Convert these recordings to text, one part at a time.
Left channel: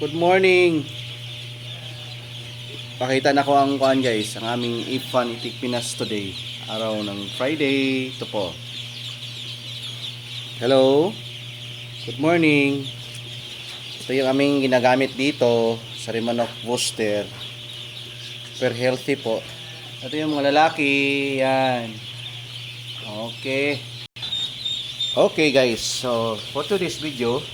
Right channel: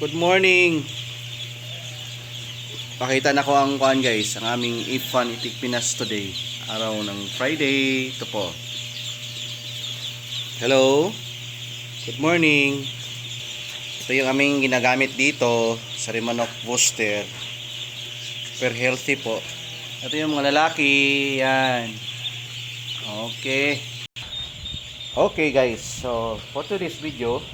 Good morning. Pakita na ko ang kuan guys, ang aming Ifan Itik Pinas today. Araw ng Friday. Ito po. Hello. Good morning. Ito yung aming ginagamit dito sa Rimanok booster. Super healthy po. Ito yung mga lalaki. Yan. Okay. Okay guys. So for today's video,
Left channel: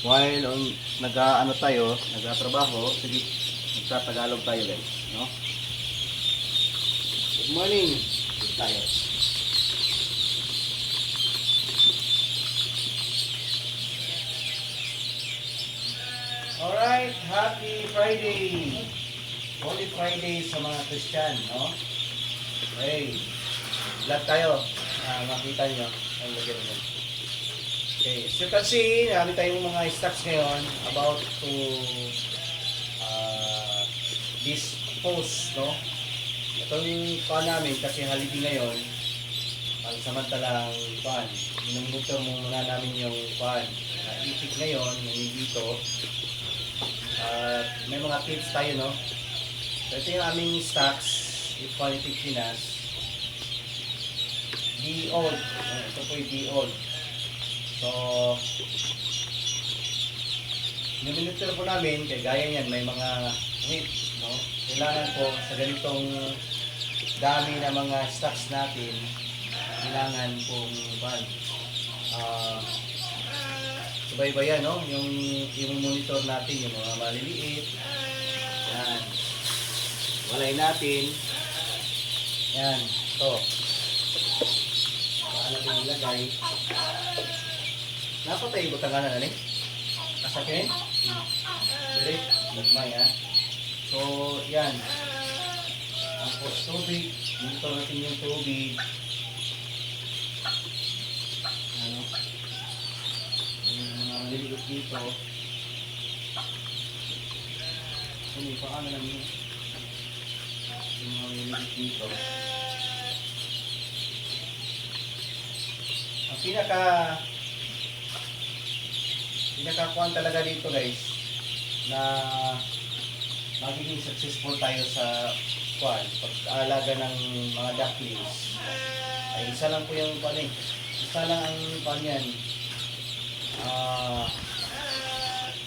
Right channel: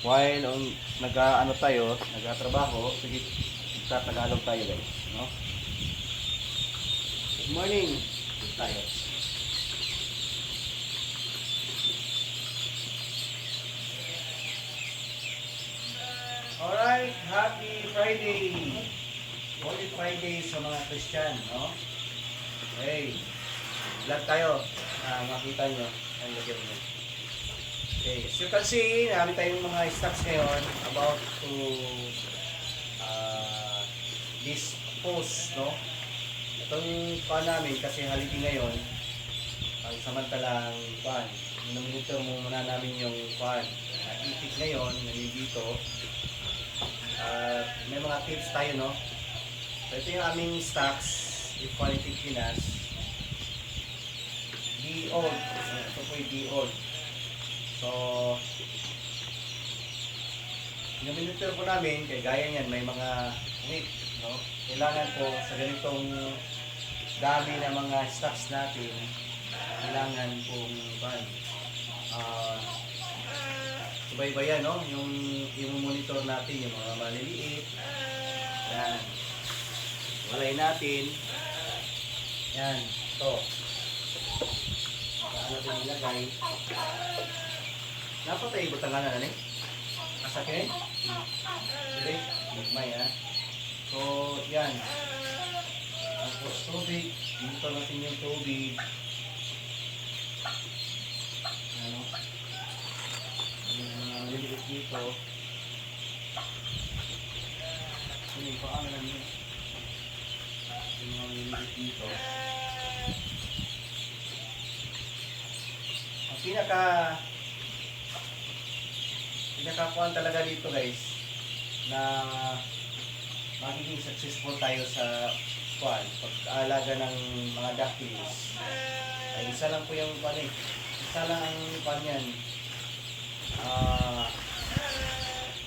while nag-ano tayo, nag-trabaho, sige, magtatagalog tayo guys, no? Good morning. Good tayo. Alright, happy Friday. Holy Friday sa mga Christian, no? Okay. Glad tayo. Makita nyo. Ang lagyan nyo. Okay, so kasi namin tayong mga stocks ngayon about to this post, no? Itong pan namin kasi holiday ngayon, ang samantalang pan, minumonitor muna namin yung pan. Naipit ngayon, dito. May mga tips tayo, no? So ito yung aming stocks, Ifan Itik Pinas. D-Old. Ito po yung D-Old. So, yung monitor po namin, kaya gaya yan, may mga hits, no? Kailangan po sa ganitong dami na mga stocks natin, kailangan pong subaybayan, no? Yung monitor natin, yung mga maliliit, yan. Walay natin, yan, ito. Paano natin ilagay? Napatay ba tanga na rin? Kasakin? Direk? Nagmay ha? So, yan. Tapos tubig. Dito natin yung tubig. Ano? Yung mga maliliit dito. Ano, paano lang yun? Yung mga maliliit dito. Ang pinakakuan talaga dito guys na magiging successful tayo sa pag-aalaga ng mga ducklings ay isa lang po yung isa lang ang yan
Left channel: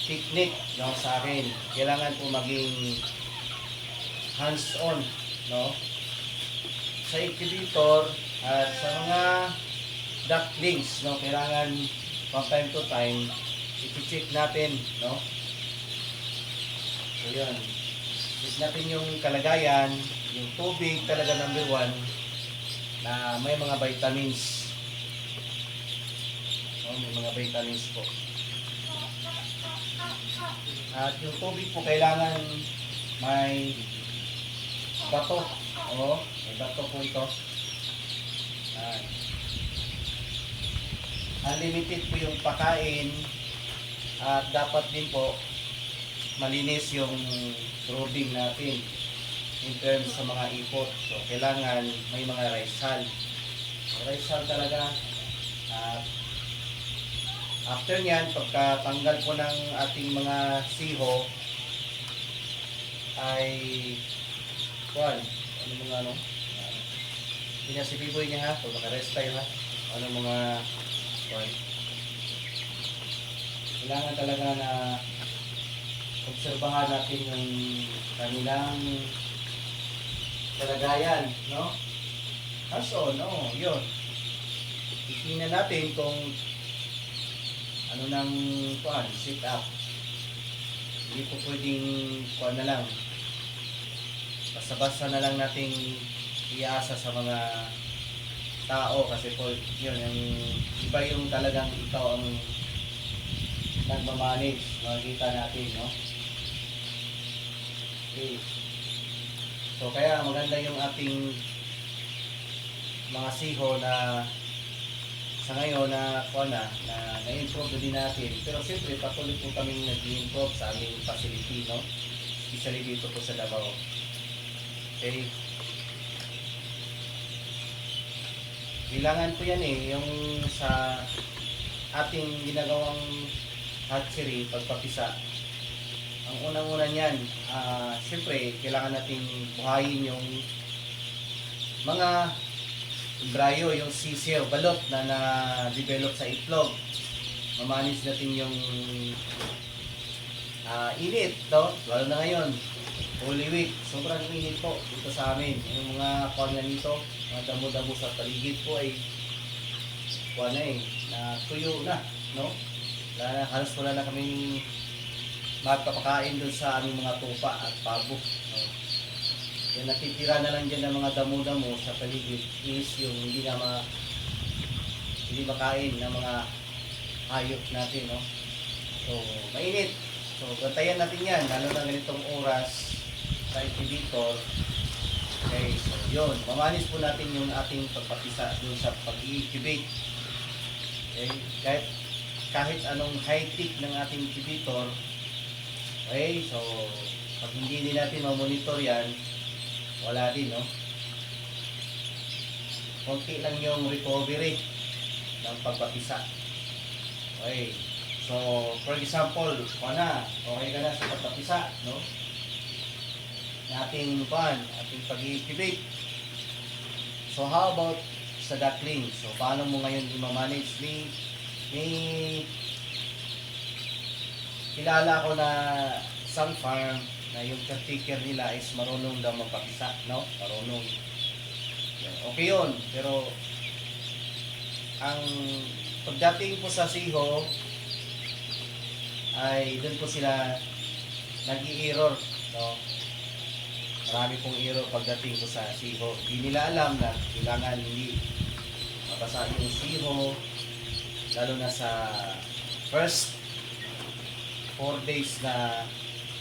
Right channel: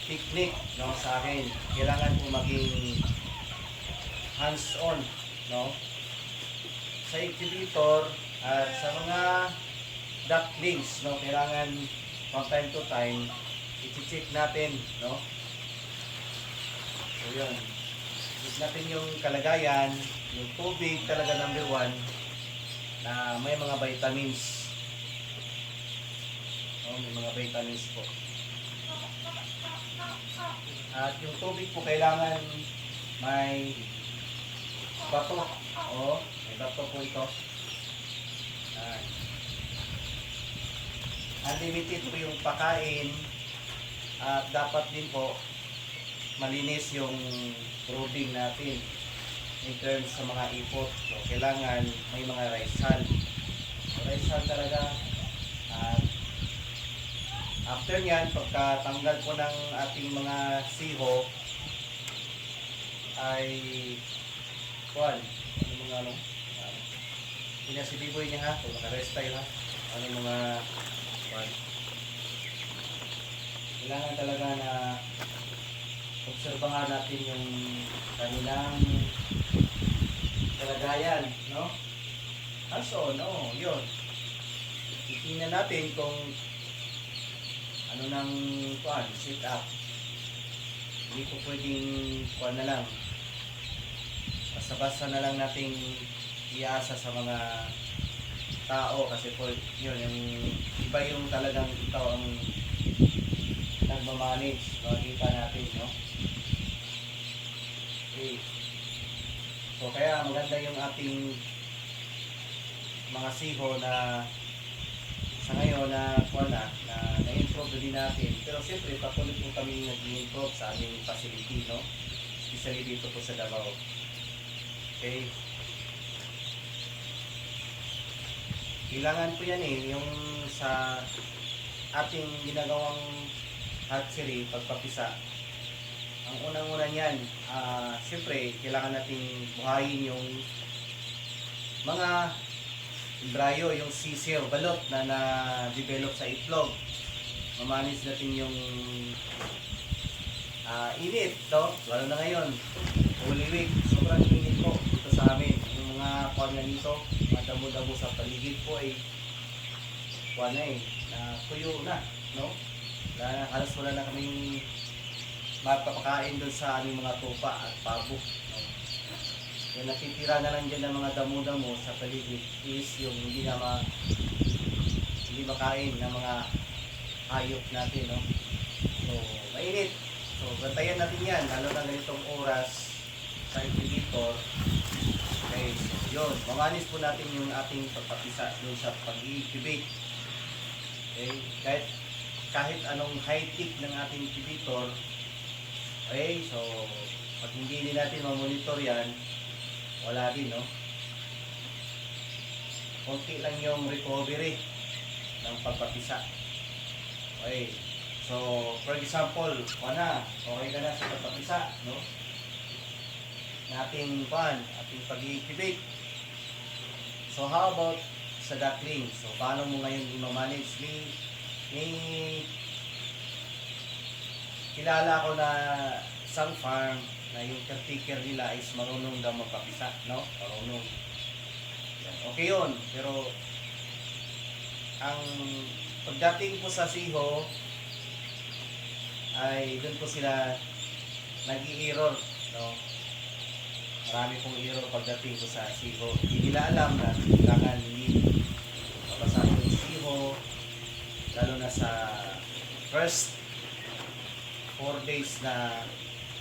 technique, no, sa akin kailangan po maging hands on, no, sa incubator at sa mga ducklings, no, kailangan from time to time i-check natin, no? So yun, check natin yung kalagayan, yung tubig talaga number 1 na may mga vitamins, no? May mga vitamins po. At yung tubig po kailangan may bato, may bato po ito. Unlimited po yung pakain at dapat din po malinis yung brooding natin in terms sa mga ipot. So kailangan may mga rice hull. Rice hull talaga. At after nyan, pagkatanggal po ng ating mga siho ay ano mga pinasibiboy niya ha, kung nakarest tayo ha, ano mga kailangan talaga na obserbahan natin yung kanilang kalagayan, no? Also, no, yun. Titingnan natin kung ano nang sit up. Hindi po pwedeng na lang. Basta-basta na lang natin iasa sa mga tao kasi po yun yung iba yung talagang ikaw ang nagmamanage, makikita natin, no? Okay. So kaya maganda yung ating mga siho na sa ngayon na na-improve din natin. Pero siyempre patuloy po kami nag-improve sa aming facility, no? Especially dito po sa Davao. Okay. Kailangan po yan yung sa ating ginagawang hatchery, pagpapisa, ang unang-una niyan, siyempre, kailangan natin buhayin yung mga embryo, yung sisiyo, balot na na-develop sa itlog. Mamanis natin yung init, no? Lalo na ngayon, Holy Week, sobrang init po dito sa amin. Yung mga kuwan nga nito, mga damo-damo sa paligid po ay kuwan na na tuyo na, no? Halos wala na kaming mapapakain doon sa aming mga tupa at pabo, no? Yung natitira na lang dyan ng mga damo-damo sa paligid is yung hindi makain ng mga hayop natin, no? So, mainit. So, bantayan natin yan, lalo na ganitong oras sa incubator. Okay, so yun. Mamanis po natin yung ating pagpapisa doon sa pag-incubate. Okay, kahit anong high-tech ng ating incubator. Okay, so pag hindi din natin ma-monitor yan, wala din, no? Konti lang yung recovery ng pagpapisa. Okay. So, for example, okay ka na sa pagpapisa, no? Ating pag-incubate. So, how about sa duckling? So, paano mo ngayon i-manage? May kilala ko na isang farm na yung caretaker nila is marunong daw magpapisa, no? Marunong. Okay yun, pero ang pagdating po sa siho, ay doon po sila nag-i-error, no? Marami pong error pagdating po sa siho. Hindi nila alam na kailangan hindi mabasag yung siho, lalo na sa first 4 days na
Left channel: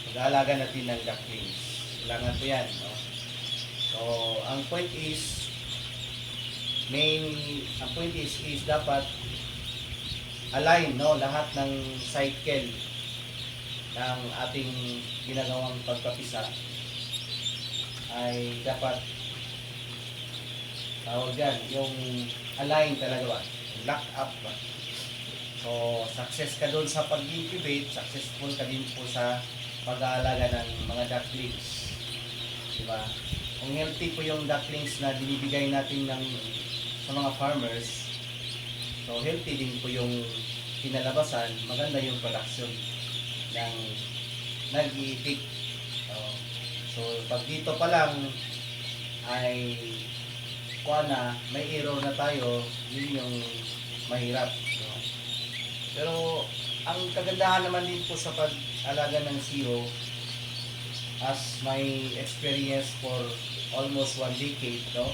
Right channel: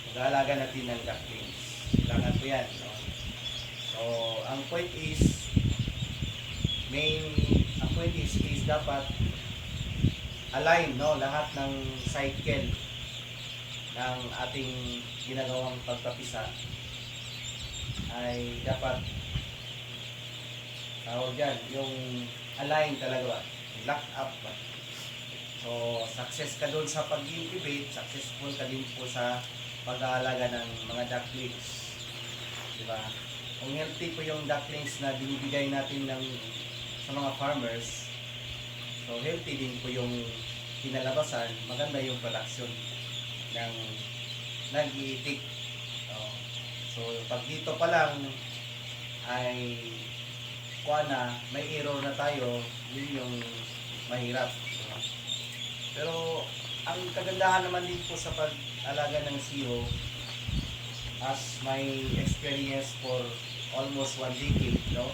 mag-aalaga natin ng ducklings. Kailangan po yan, no? So, ang point is dapat align, no, lahat ng cycle ng ating ginagawang pagpapisa ay dapat tawag dyan, yung align talaga ba? Lock up ba? So, success ka doon sa pag-incubate, successful ka din po sa pag-aalaga ng mga ducklings. Diba? Kung healthy po yung ducklings na binibigay natin sa mga farmers, so healthy din po yung kinalabasan, maganda yung production ng nag-iitik. So, pag dito pa lang ay may error na tayo, yun yung mahirap. Pero ang kagandahan naman dito sa pag-alaga ng siyo, as my experience for almost 1 decade, no?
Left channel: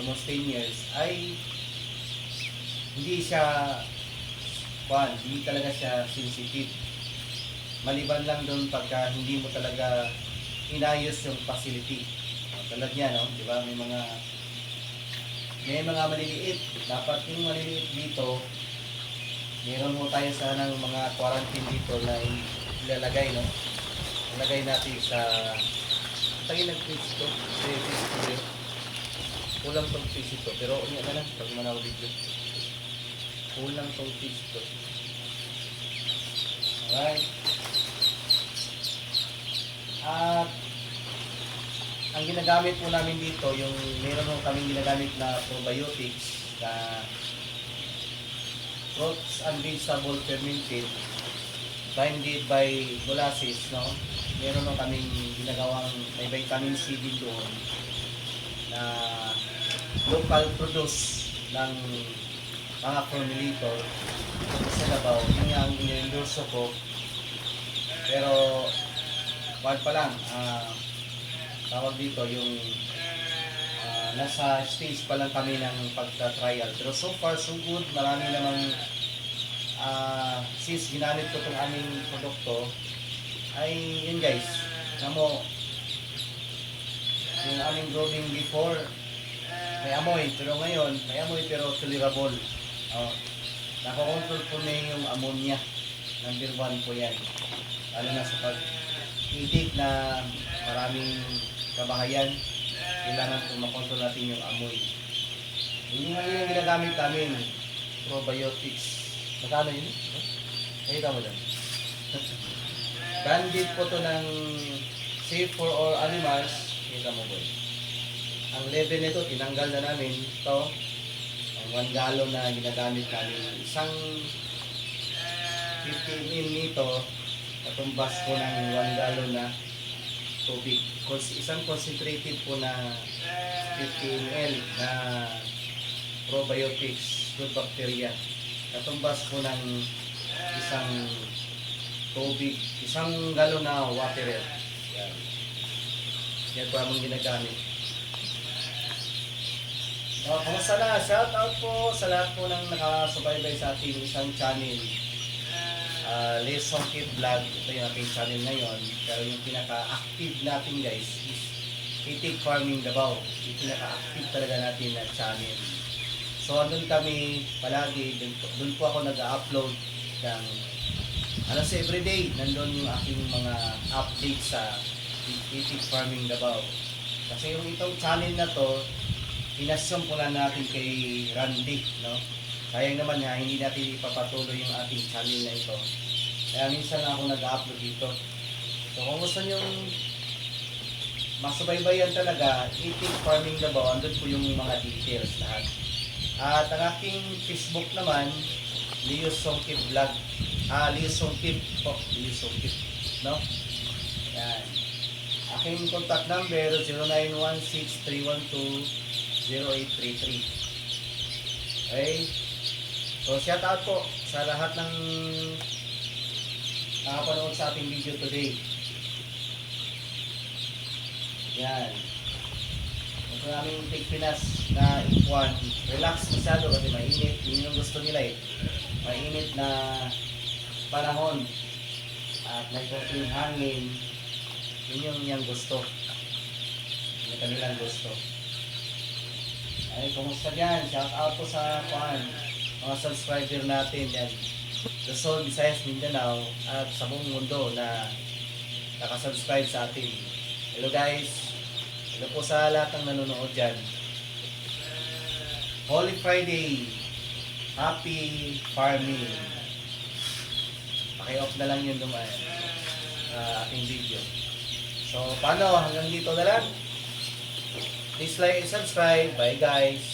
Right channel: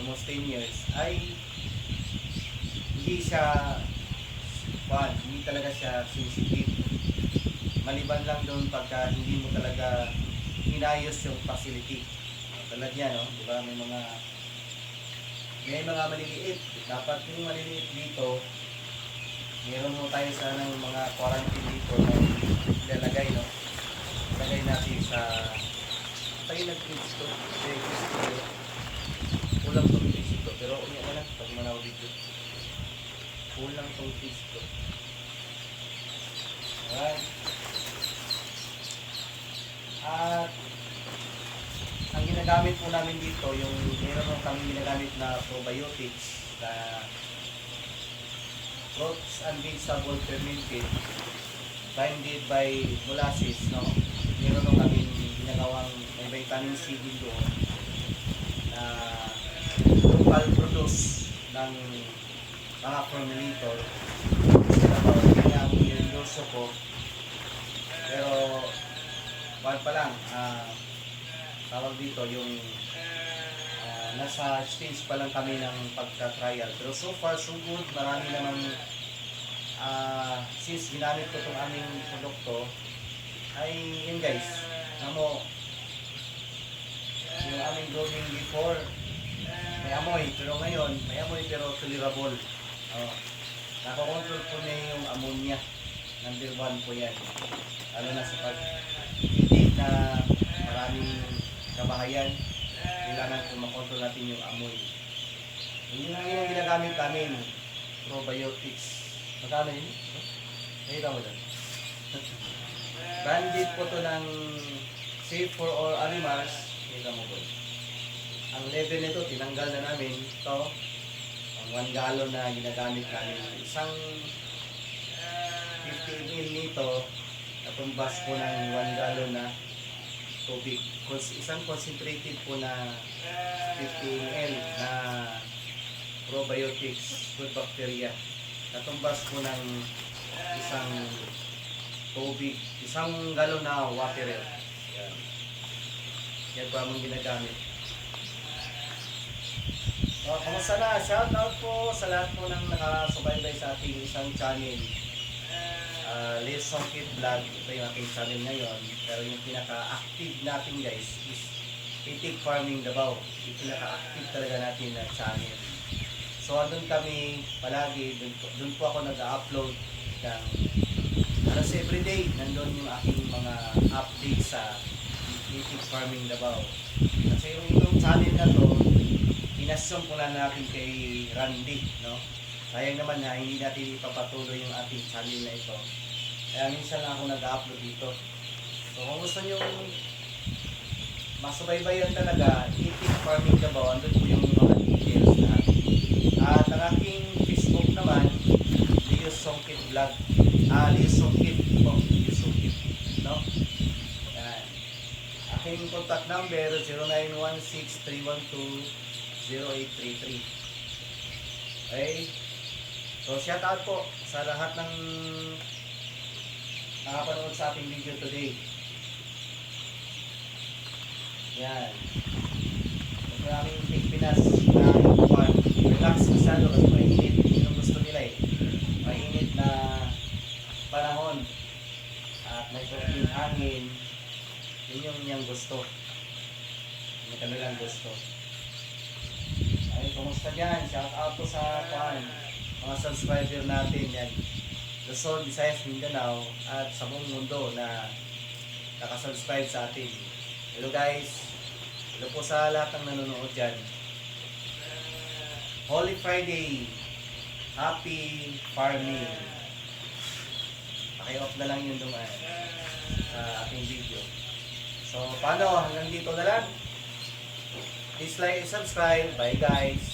Almost 10 years, ay hindi talaga siya sensitive. Maliban lang doon pagka hindi mo talaga inayos yung facility. Tulad niya, no? Di ba? May mga maliliit. Dapat yung maliliit dito, meron mo tayo sana ng mga quarantine dito na ilalagay, no? Ilagay natin sa tayo nag-kids to. Kulang tong kids ito. Pero umiyak na lang pag manaw dito. Kulang tong kids to. Alright. At ang ginagamit po namin dito, yung meron po kaming ginagamit na probiotics na fruits and vegetable fermented blended by molasses, no? Meron po kaming ginagawang may vitamin C din doon na local produce ng mga formulator sa Davao. Yun ang endorso ko. Pero wag pa lang, tawag dito yung nasa stage pa lang kami ng pagka-trial. Pero so far so good, marami namang since ginamit ko itong aming produkto ay yun guys, namo yung aming growing before may amoy, pero ngayon may amoy pero tolerable. Nakakontrol po niya yung ammonia. Number 1 po yan, lalo na sa pag-ibig na maraming kabahayan, kailangan po makontrol natin yung amoy. Yun yung ginagamit namin, probiotics. Magkano yun? Nakita mo dyan? Bandit po to ng Safe for All Animals. Kita mo boy. Ang level nito, tinanggal na namin ito. Ang 1 gallon na ginagamit namin. Isang 50 ml nito, natumbas po ng 1 gallon na tubig. Isang concentrated po na 50 ml na probiotics, good bacteria. Natumbas po ng isang tubig, isang galon na water. Yan. Yan po among ginagamit. Kamusta na? Shout out po sa lahat po ng nakasubaybay sa ating isang channel. Les Songkit Vlog. Ito yung ating channel ngayon. Pero yung pinaka-active natin guys is Itik Farming Davao. Yung pinaka-active talaga natin na channel. So andun kami palagi. Dun po ako nag-upload ng alas everyday. Nandun yung aking mga update sa Itik Farming Davao. Kasi yung itong channel na to, pinasyon po na natin kay Randy, no? Sayang naman nga, hindi natin ipapatuloy yung ating channel na ito. Kaya minsan na ako nag-upload dito. So kung gusto nyo masubaybayan talaga, Itik Farming Davao, andun po yung mga details lahat. At ang aking Facebook naman, Leo Songkit Vlog. Leo Songkit po, Leo Songkit, no? Yan. Aking contact number, 0916-312-0833. Okay? So, shout out po sa lahat ng nakapanood sa ating video today. Yan. Ito yung aming Pilipinas na ipuan. Relax masyado kasi mainit. Yun yung gusto nila eh. Mainit na panahon. At may konting hangin. Yun yung niyang gusto. Yung kanilang gusto. Ay, kumusta dyan? Shout out po sa mga subscriber natin yan. Luzon, Visayas, Mindanao at sa buong mundo na nakasubscribe sa atin. Hello guys. Hello po sa lahat ng nanonood dyan. Holy Friday. Happy farming. Paki-off na lang yun ating video. So, paano? Hanggang dito na lang. Please like and subscribe. Bye guys.